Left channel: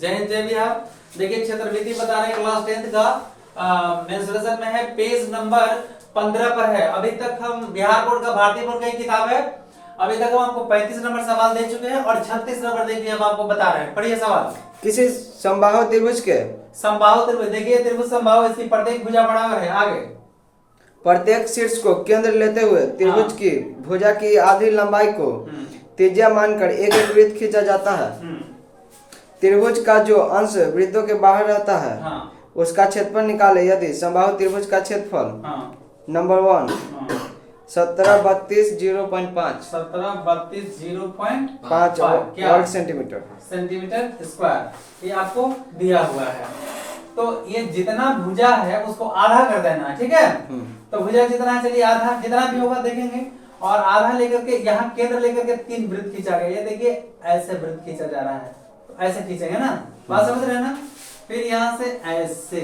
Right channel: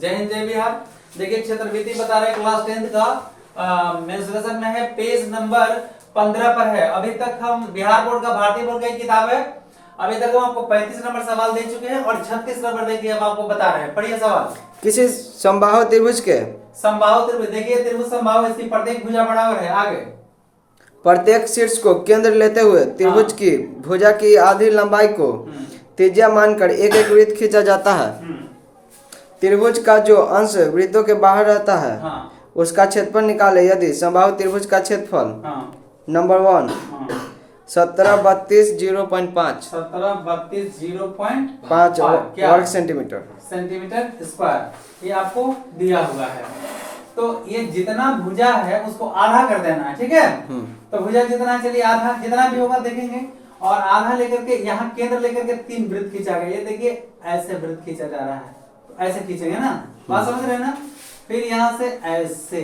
जय हिंद जय बिहार। देखिए क्षेत्रविधि बता रहे हैं क्लास 10th का मेंसुरेशन में है, पेज नंबर 15 पर है। अभी तक हम बिहार बोर्ड का भारतीय बोर्ड की किताब है। अभी तक हम आपको 35 नंबर सवाल दे चुके हैं और 36 नंबर देखिए हम आपको बता रहे हैं। पढ़िए सवाल। किसी समबाहु त्रिभुज के समबाहु त्रिभुज, देखिए त्रिभुज समबाहु, इसकी प्रत्येक भुजा बराबर है। आगे प्रत्येक शीर्ष को केंद्र लेते हुए त्रिभुज की भुजा की आधी लंबाई को त्रिज्या मानकर एक एक वृत्त खींचा जाता है। त्रिभुज का जो अंश वृत्तों के बाहर रहता है उसका क्षेत्रफल निकाले। यदि समबाहु त्रिभुज का क्षेत्रफल नंबर 1 1732.05 1732.05 वर्ग सेंटीमीटर स्क्वायर, ये आपको दिया हुआ है। तो ये जितना भुजा है उसको आधा कर देना है, ठीक है। तो भुजा जितना है, चलिए आधा जितना भी होगा देखेंगे। और आधा लेकर के यहाँ केंद्र लेकर के 3 वृत्त खींचा गया। ये देखिए ऐसे वृत्त खींचा जा रहा है, तो ऐसे खींचेंगे ना, बात समझ रहे हैं ना। फिर यहाँ से ऐसे,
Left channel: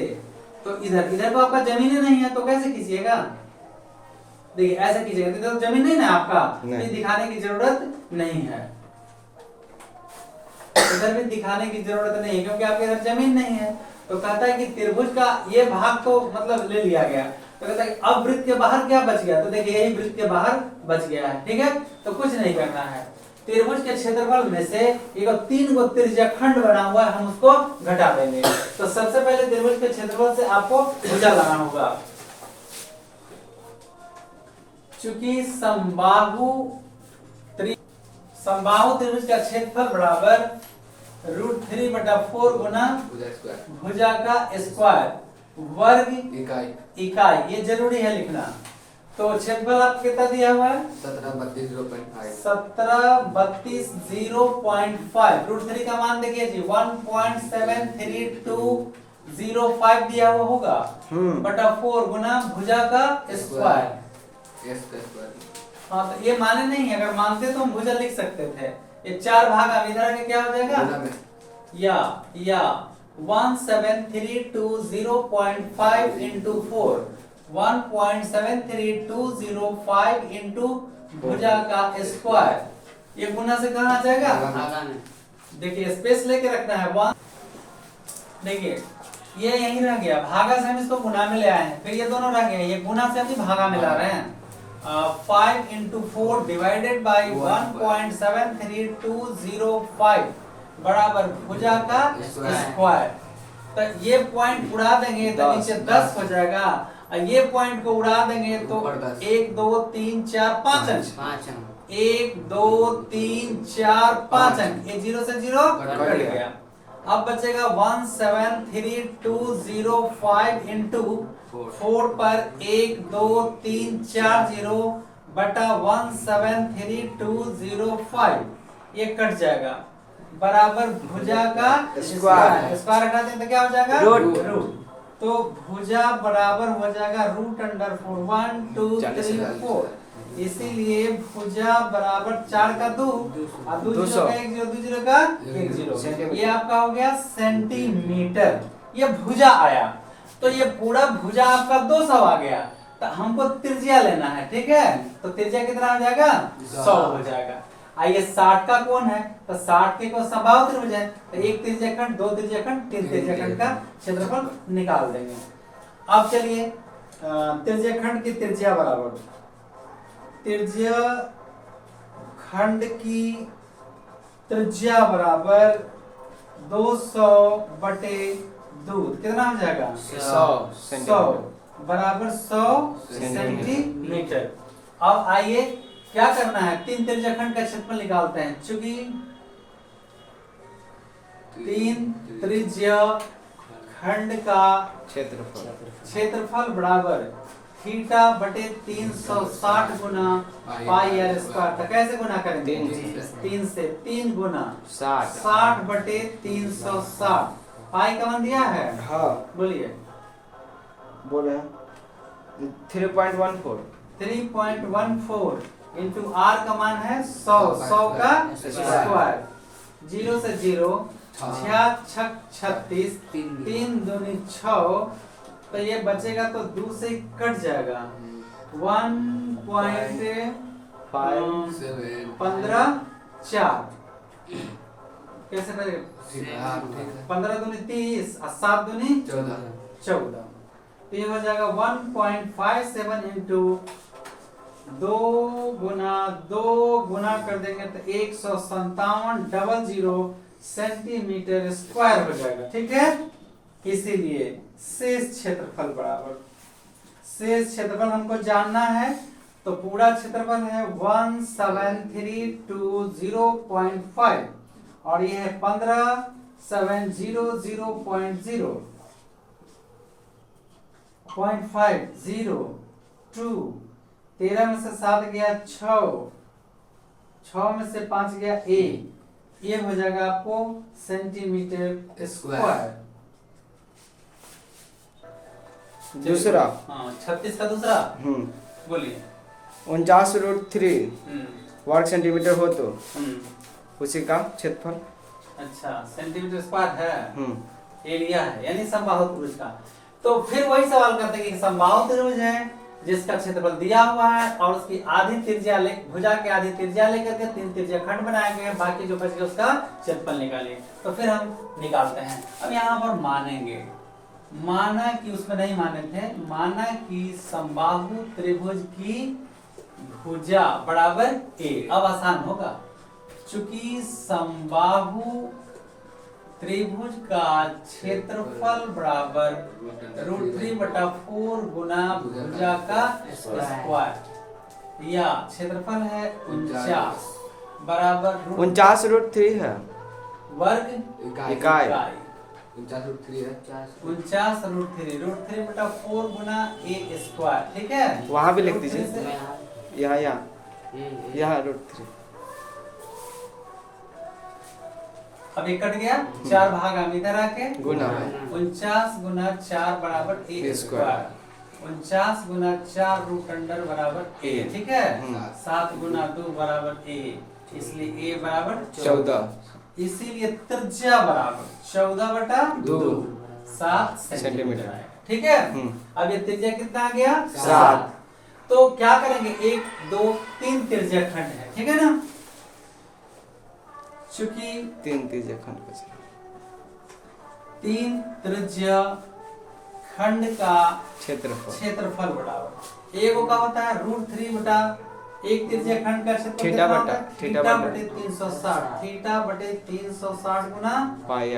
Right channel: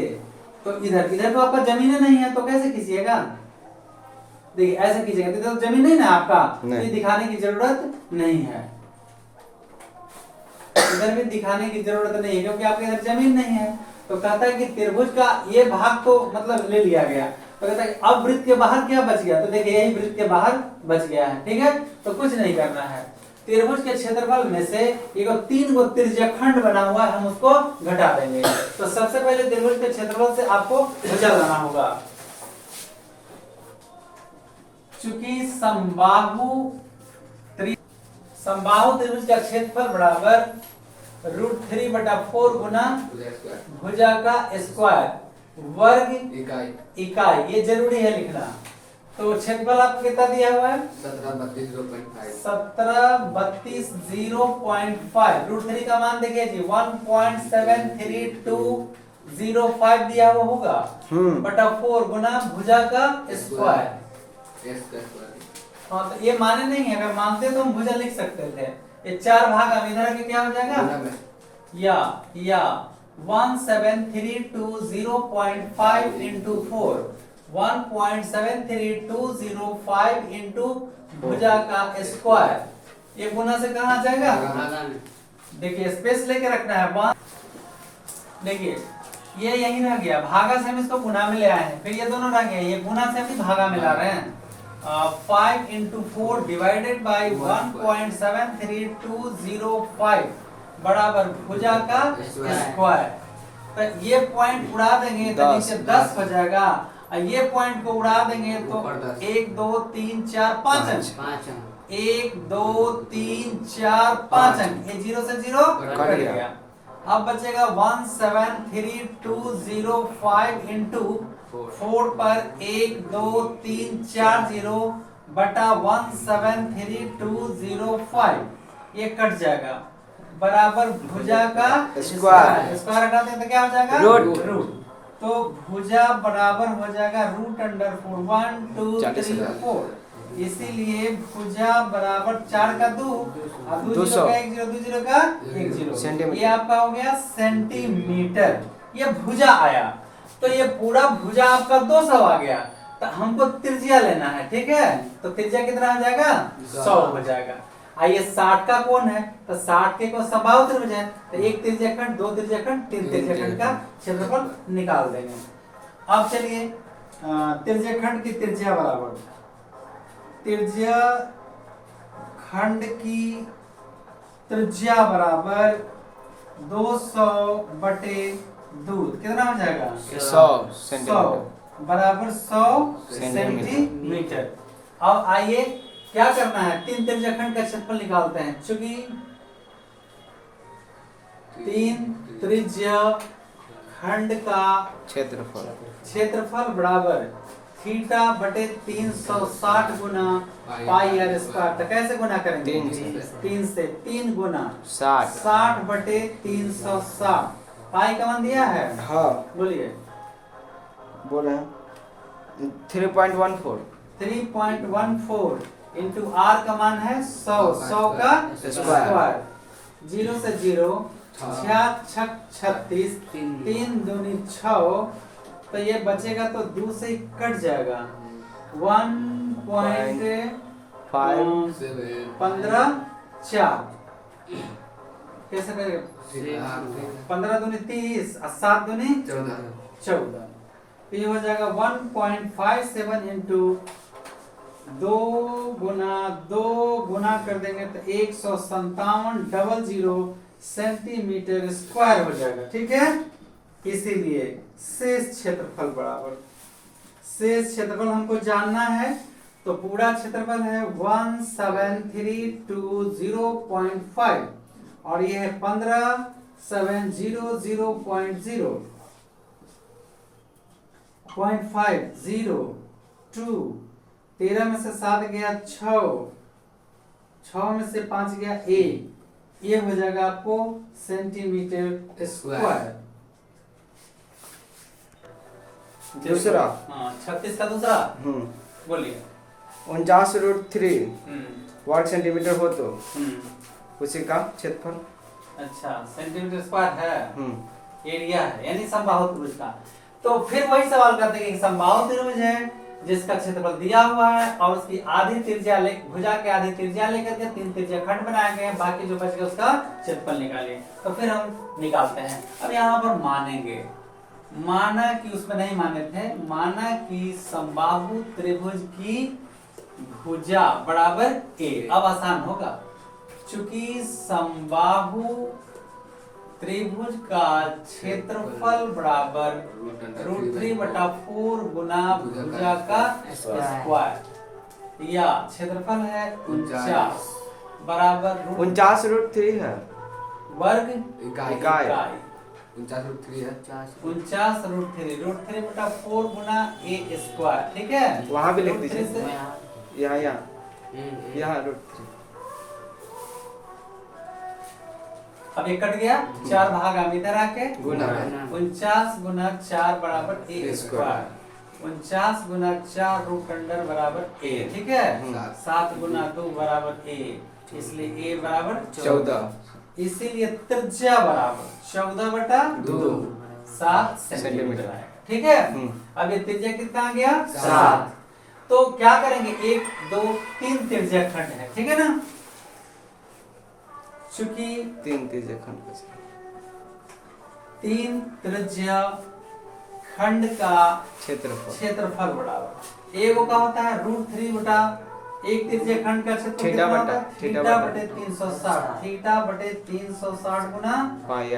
तो इधर इधर तो आपका जमीन नहीं है तो कैसे खींचिएगा, देखिए ऐसे खींचेगा तो जमीन नहीं ना आपका, ये दिखाने की जरूरत नहीं है। इधर भी दिखाने की जरूरत नहीं है क्योंकि आपके इधर जमीन नहीं है। तो कहता है कि त्रिभुज का ये भाग तो मतलब ले लिया गया। तो कहता है अब वृत्त के बाहर क्या बच गया, तो देखिए यही वृत्त के बाहर बच गया है, ठीक है। तो कुछ नहीं करना है। त्रिभुज के क्षेत्रफल में से एक 3 गो त्रिज्याखंड बना हुआ है, हम उसको घटा देंगे। तो सबसे पहले त्रिभुज के क्षेत्रफल से आपको भुजा लाना होगा। चूंकि समबाहु त्रिभुज का क्षेत्रफल बराबर √3/4 गुना भुजा का स्क्वायर वर्ग इकाई, ये जरूरी है लिखना। तो क्षेत्रफल आपको कितना दिया हुआ है 1732.5। √3 का मान देखिए जी 1.73205 दिया हुआ होगा बटा 4 गुना भुजा का स्क्वायर। हाँ, तो ये माने नहीं है, अगर मानते तो हम भुजा लिख सकते थे। ये 4 भाग अब इधर के क्या हो जाएगा, या 17320.5 into 4, 1.73205 into भुजा का स्क्वायर। ये गुना से कहाँ आ जाएगा, देखिए स्पेस लेके रखना है 1। देखिए ये यही रह गया, भागा से हम इसको गुना में ले आए हैं, फिर ये दोनों रह गए, ये गुना से हम भागा में ला रहे हैं। 5 into 4 divided by 1.73205 बराबर भुजा का स्क्वायर। तो ये पॉइंट उड़ा देंगे तो नीचे 10 हो जाएगा, और ये पॉइंट को उड़ा देंगे तो 1 2 3 4 5 अंक, 1 2 3 4 5 अंक, ये 0 से 0 कट गया। अब बचेगा 1733205 into 4 पर 1 2 3 4 0 बटा 1733205, ये कट जाएगा बराबर भुजा का स्क्वायर। स्क्वायर हटा दें तो क्या हो जाएगा रूट। तो भुजा बराबर हो जाएगा √4 1 2 3 4। इसीलिए भुजा बराबर 4 का 2 और 2 0 का 1 0 2 0 का 1 0, ये आपका हो गया सेंटीमीटर। ये भुजा आया, तो ये पूरा भुजा आपका 200 आ गया। तो हमको त्रिज्या लेना है, ठीक है। तो त्रिज्या कितना आ जाएगा 100 हो जाएगा। आइए 60 का कौन है, तो 60 के कौन समबाहु त्रिभुज है, तो 1 त्रिज्याखंड 2 त्रिज्याखंड 3 त्रिज्याखंड का क्षेत्रफल निकाल देंगे। अब चलिए त्रिज्याखंड की त्रिज्या बराबर त्रिज्याखंड की त्रिज्या बराबर 200/2, कितना हो जाएगा 100 बराबर 100 सेंटीमीटर। अब आइए क्या करना है, 3 त्रिज्याखंड का क्षेत्रफल निकालते हैं। चूंकि 3 त्रिज्याखंड का क्षेत्रफल बराबर θ/360 गुना πr²। तो कैसे गुना करेंगे, 3 से 3 गुना 60/360। पाई का मान दिया है, हाँ बोलिए, बोले 3.14 इंटू आर का मान है 100 का स्क्वायर। 0 से 0 6 36 3 दूनी 6, तो ये बचेगा तो 2 से कट जाएगा 1.5 15 4 कैसे करेगा? 15 दूनी 30 और 7 दूनी 14। तो ये हो जाएगा 1.57 इंटू 2 गुना कर देंगे तो 157 सेंटीमीटर स्क्वायर हो जाएगा। ठीक है, इसीलिए शेष क्षेत्रफल बराबर, शेष क्षेत्रफल हमको जानना है तो पूरा क्षेत्रफल है 17320.5 और ये है 15700.50 13 में से 7 गया 6 में से 5 गया 1, ये हो जाएगा आपको सेंटीमीटर स्क्वायर। दूसरा, हाँ 36 का दूसरा बोलिए। 49√3 वर्ग सेंटीमीटर हो तो उसी का क्षेत्रफल। अच्छा, सेंटीमीटर स्क्वायर है, एरिया है, यानी समबाहु त्रिभुज का। तो फिर वही सवाल करते हैं कि समबाहु त्रिभुज है जिसका क्षेत्रफल दिया हुआ है और उसकी आधी त्रिज्या भुजा के आधी त्रिज्या लेकर के 3 त्रिज्या खंड बनाए गए हैं, बाकी जो बच गया उसका क्षेत्रफल निकालिए। तो फिर हम निकालते हैं। अब यहाँ पर मानेंगे, माना कि उसमें नहीं माने थे, माना कि समबाहु त्रिभुज की भुजा बराबर a। अब आसान होगा, चूंकि समबाहु त्रिभुज का क्षेत्रफल बराबर √3/4 गुना भुजा का स्क्वायर, या क्षेत्रफल है 49 बराबर 49√3 है वर्ग इकाई। 49√3 गुना a स्क्वायर। ठीक है, वहां भी लिख दीजिए, यहाँ √3। अब ये कट गया, 4 भाग हम इधर आके गुना 49 गुना 4 बराबर a स्क्वायर, 49 गुना 4 √अंडर बराबर a। ठीक है, 7 गुना 2 बराबर a, इसलिए a बराबर 14। इसीलिए त्रिज्या बराबर 14/2 7 सेंटीमीटर आएगा। ठीक है, अब ये त्रिज्या कितना आ गया? 7। तो क्या करेंगे, 1 2 3 त्रिज्या खंड है। ठीक है ना, चूंकि 3 त्रिज्या खंड 3 त्रिज्या खंड का क्षेत्रफल बराबर एगो का होता है √3 बटा एक त्रिज्या खंड का क्षेत्रफल कितना होता है? थीटा बटे 360, थीटा बटे 360 गुना पाई r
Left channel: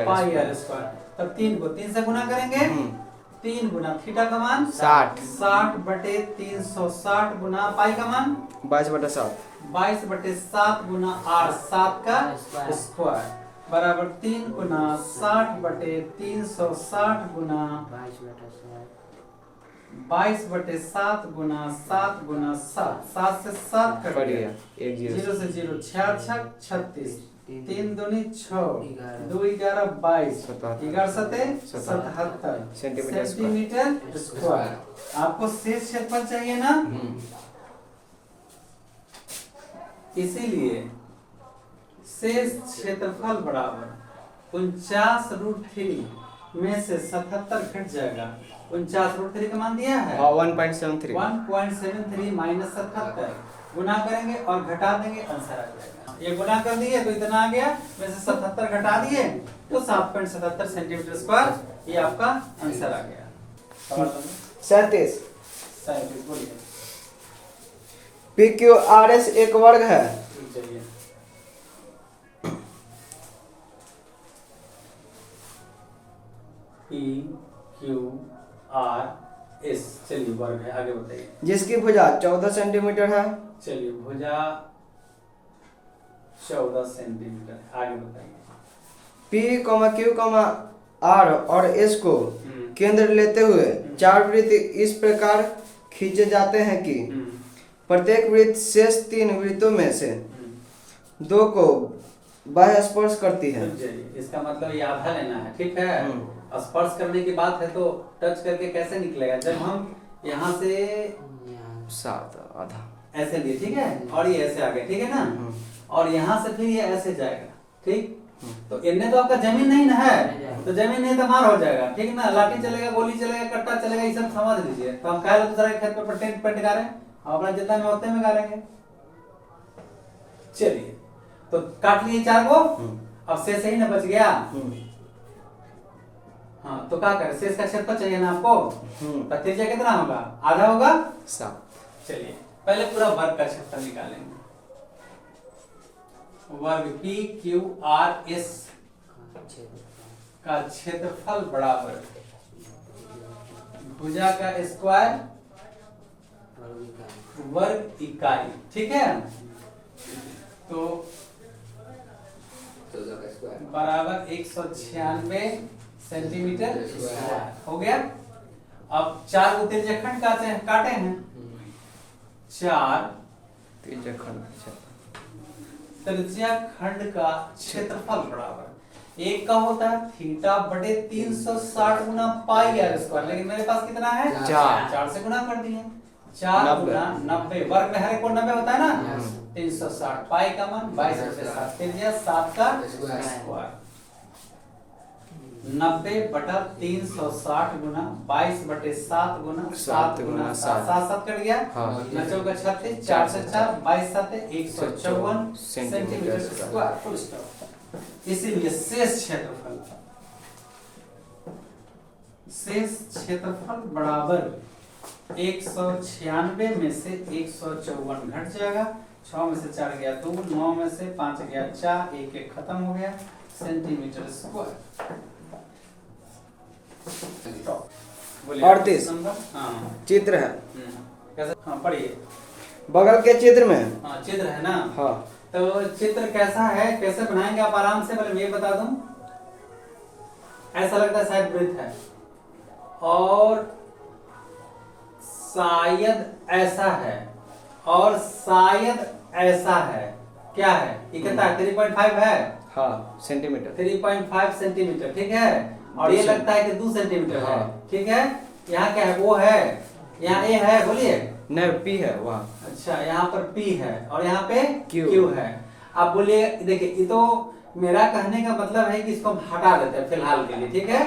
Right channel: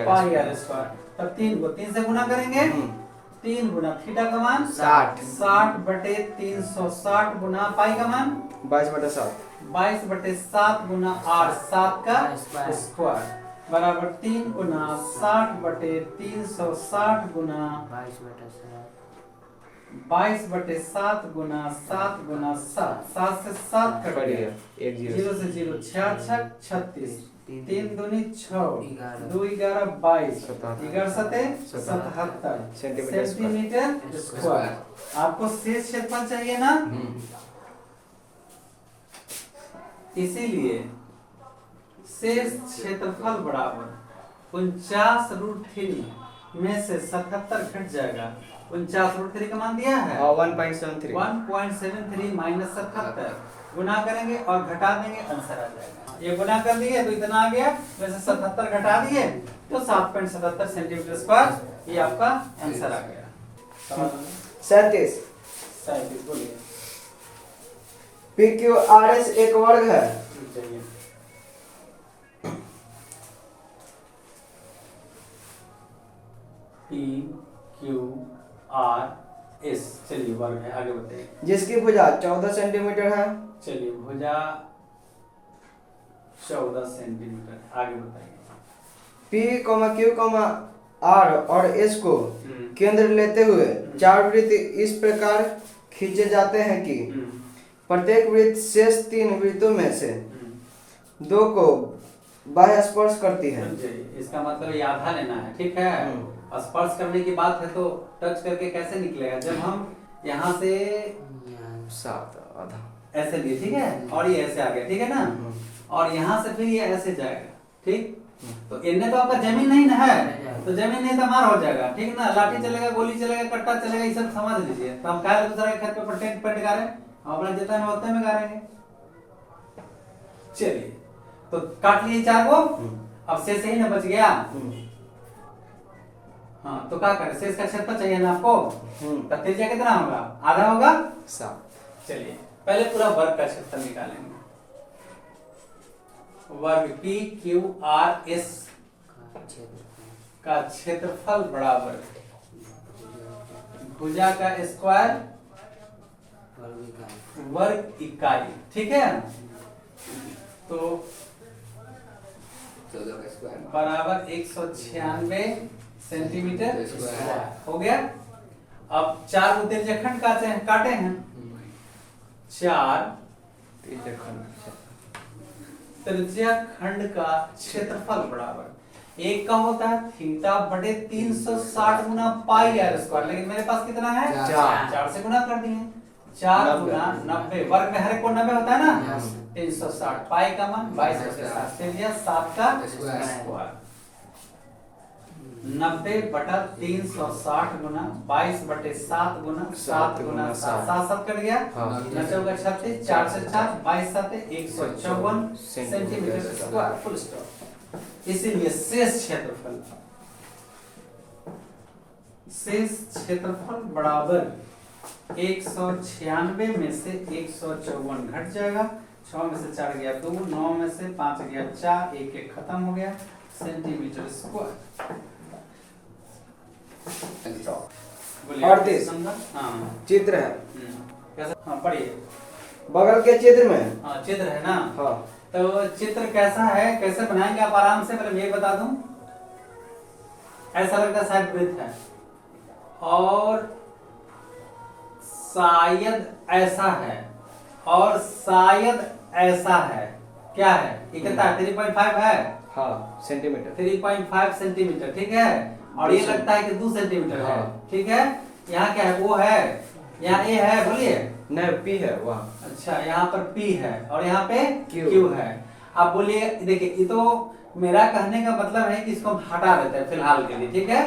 स्क्वायर। तब 3 से गुना करेंगे, 3 गुना थीटा का मान 60 बटे 360 गुना पाई का मान 22/7, 22/7 गुना r 7 का स्क्वायर बराबर 3 गुना 60 बटे 360 गुना 22/7 गुना 7 गुना 7, 7 से 7 कट गया, 0 से 0 6 6 36, 3 दूनी 6, 2 11 22, 11 7 77 सेंटीमीटर स्क्वायर। आपको शेष क्षेत्रफल चाहिए ना, इसीलिए शेष क्षेत्रफल बराबर 49√3 में से 77 घट जाएगा। 49√3 का मान दिया है 1.73 माइनस 77 गुना करेंगे और घटा देंगे, आंसर आ जाएगा। ये गुना कर दिए तो इतना आ गया, वैसे 77 घटा दिए तो 7.77 सेंटीमीटर स्क्वायर, ये आपका आंसर आ गया। 37 बोलिए। PQRS एक वर्ग है। चलिए, PQRS चलिए वर्ग है, आगे बताइए। जिसकी भुजा 14 सेंटीमीटर है। चलिए, भुजा 14 सेंटीमीटर, आगे बताइए। P, Q, R और S को केंद्र लेते हुए 4 वृत्त इस प्रकार खींचे जाते हैं कि प्रत्येक वृत्त शेष 3 वृत्तों में से 2 को बाह्य स्पर्श करती है। इसका मतलब ये आधा लेना है। ठीक है, स्पर्श करने की बात है तो टच करके कैसे निकलेगा, जब हम यहाँ से 7 आधा ऐसे लिए, ठीक है, और ये ऐसे आ गया, ठीक है ना, और यहाँ से फिर ये ऐसे जाएगा। ठीक, तो इनने तो आपका जमीन नहीं ना है, तो जमीन नहीं तो मार हो जाएगा। ठीक है ना, लाठी चलेगा, गोली चलेगा, कट्टा चलेगा, ये सब समझ लीजिए। तो हम कहा दूसरा खेत पे टेंट पेंट गा रहे हैं, हम अपना जितना में होते में गा रहेंगे। चलिए, तो काट लिए 4 को अब शेष ही ना बच गया। हाँ तो क्या करें, शेष का क्षेत्रफल चाहिए ना आपको, तो त्रिज्या कितना होगा, आधा होगा 7। चलिए पहले पूरा वर्ग का क्षेत्रफल निकालेंगे। वर्ग पी क्यू आर एस का क्षेत्रफल बराबर भुजा का स्क्वायर वर्ग इकाई, ठीक है। तो बराबर 196 सेंटीमीटर स्क्वायर हो गया। अब 4 त्रिज्या खंड काटे हैं 4 त्रिज्या खंड का क्षेत्रफल बराबर एक का होता है थीटा बटे 360 गुना पाई आर स्क्वायर, लेकिन मेरे पास कितना है 4 से गुना कर दिए, 4 गुना 90, वर्ग में हर एक को 90 होता है ना, 360 पाई का मान 22/7 त्रिज्या 7 का स्क्वायर 90 बटा 360 गुना 22/7 गुना 7 गुना 7 7 कट गया, 9 का 36, 4 से 4 22 7 154 सेंटीमीटर स्क्वायर फुल स्टॉप। इसीलिए शेष क्षेत्रफल बराबर 196 में से 154 घट जाएगा, 6 में से 4 गया 2, 9 में से 5 गया 4, 1 खत्म हो गया सेंटीमीटर स्क्वायर। 38 हाँ चित्र है। कैसा, हाँ पढ़िए। बगल के चित्र में हाँ चित्र है ना, हाँ तो चित्र कैसा है, कैसे बनाएंगे आप आराम से, पहले मैं ये बता दूं। ऐसा लगता है शायद वृत्त है और शायद ऐसा है और शायद ऐसा है, क्या है ये, कितना है 3.5 है, हाँ सेंटीमीटर 3.5 सेंटीमीटर, ठीक है। और ये लगता है कि 2 सेंटीमीटर है, ठीक है। यहाँ क्या है, वो है, यहाँ ए है, बोलिए नहीं पी है वहाँ। अच्छा यहाँ पर P है और यहाँ पे Q Q है। आप बोलिए, देखिए ये तो मेरा कहने का मतलब है कि इसको हम हटा देते हैं फिलहाल के लिए, ठीक है।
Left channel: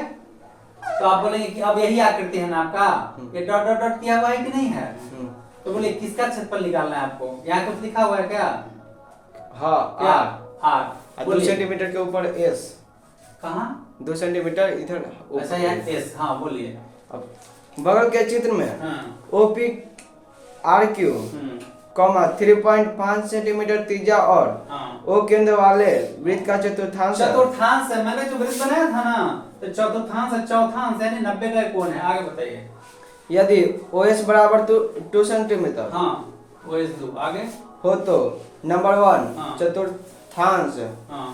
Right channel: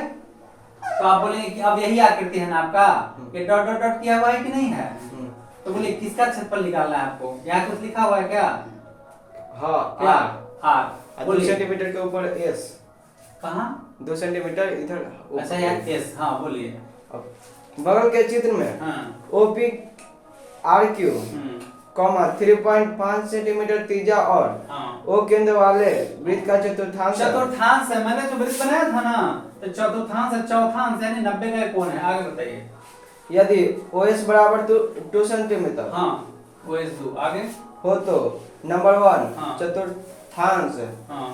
तो आप बोलेंगे कि अब यही आकृति है ना आपका, ये डॉट डॉट डॉट किया हुआ है कि नहीं है, तो बोलिए किसका क्षेत्रफल निकालना है आपको, यहाँ कुछ लिखा हुआ है क्या, हाँ क्या R 2 सेंटीमीटर के ऊपर S, कहाँ 2 सेंटीमीटर इधर। अच्छा यहाँ S, हाँ बोलिए। बगल के चित्र में हाँ OP RQ कॉमा 3.5 सेंटीमीटर त्रिज्या और O केंद्र वाले वृत्त का चतुर्थांश है। मैंने जो वृत्त बनाया था ना, तो चतुर्थांश है, चौथांश यानी 90 का कोण है। आगे बताइए। यदि OS बराबर 2 सेंटीमीटर हाँ OS 2 आगे हो तो नंबर 1 हाँ। चतुर्थांश हाँ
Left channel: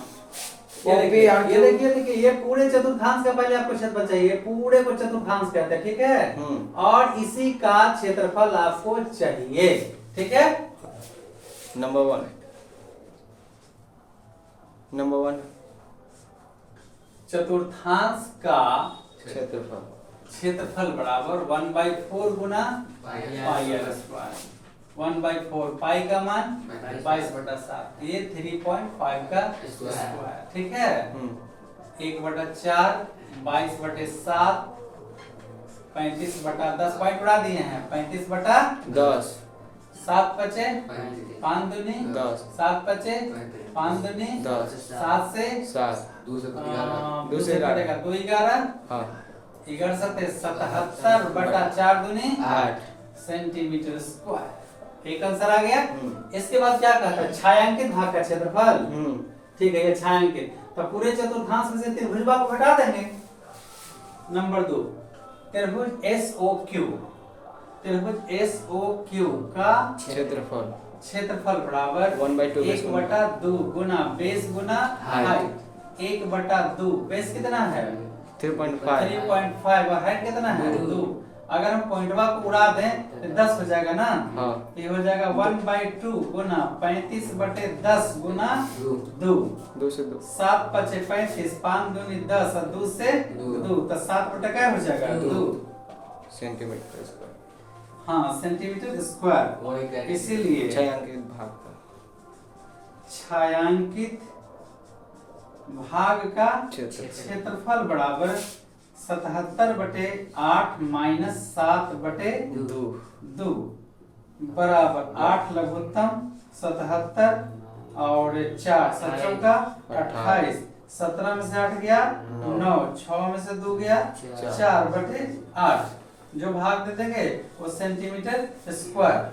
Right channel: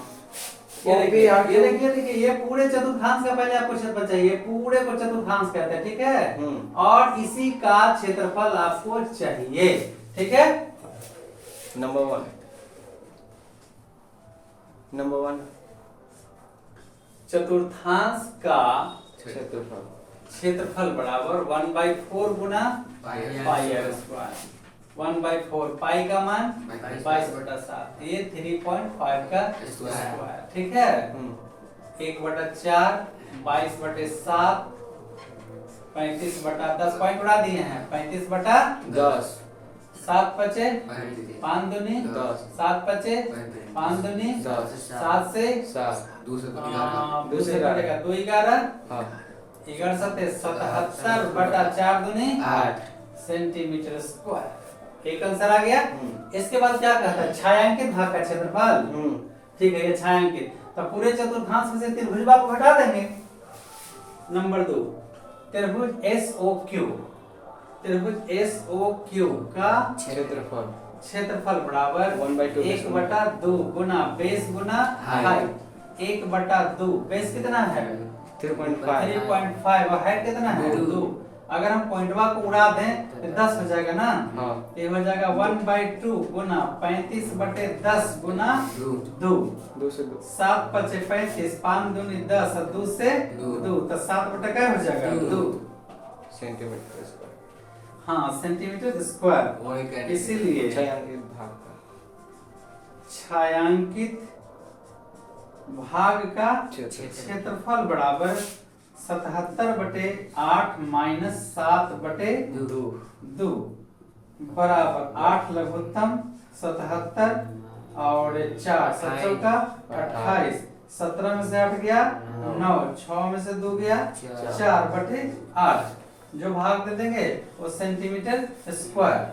OP ये RQ देखिए ये पूरे चतुर्थांश का पहले आपको क्षेत्रफल चाहिए, पूरे को चतुर्थांश कहते हैं, ठीक है। और इसी का क्षेत्रफल आपको चाहिए, ठीक है। नंबर 1 चतुर्थांश का क्षेत्रफल बराबर 1/4 गुना पाई आर स्क्वायर, 1/4 पाई का मान 22/7, ये 3.5 का स्क्वायर, ठीक है। 1/4 22/7 35/10 पॉइंट उड़ा दिए हैं, 35/10 7 पचे 5 दूनी 7 पचे 5 दूनी 7 से 2 से कटेगा 2 11 11 7 77/4 दूनी 8 सेंटीमीटर स्क्वायर। एक आंसर आ गया। इसके बाद क्या कहता है, छायांकित भाग का क्षेत्रफल, ठीक है। ये छायांकित, तो पूरे चतुर्थांश में से त्रिभुज भाग को घटा देंगे। नंबर 2 त्रिभुज SOQ का क्षेत्रफल बराबर 1/2 गुना बेस गुना हाइट, 1/2 बेस कितना है 3.5 और हाइट कितना है 2। अगर हम पॉइंटवा को उड़ा दें तो 10 हो जाएगा ना, ये हो जाएगा 1/2 गुना 35/10 गुना 2 7 पचे 35 5 दूनी 10 और 2 से 2 तो 7 क्या हो जाएगा 2 सेंटीमीटर। हाँ सेंटीमीटर स्क्वायर। इसीलिए छायांकित भाग का क्षेत्रफल बराबर 77/8 माइनस 7/2 बराबर 8 लघुत्तम 77 और 4 7 का 28 17 में से 8 गया 9, 6 में से 2 गया 4/8। जो भाग दे देंगे वो सेंटीमीटर स्क्वायर।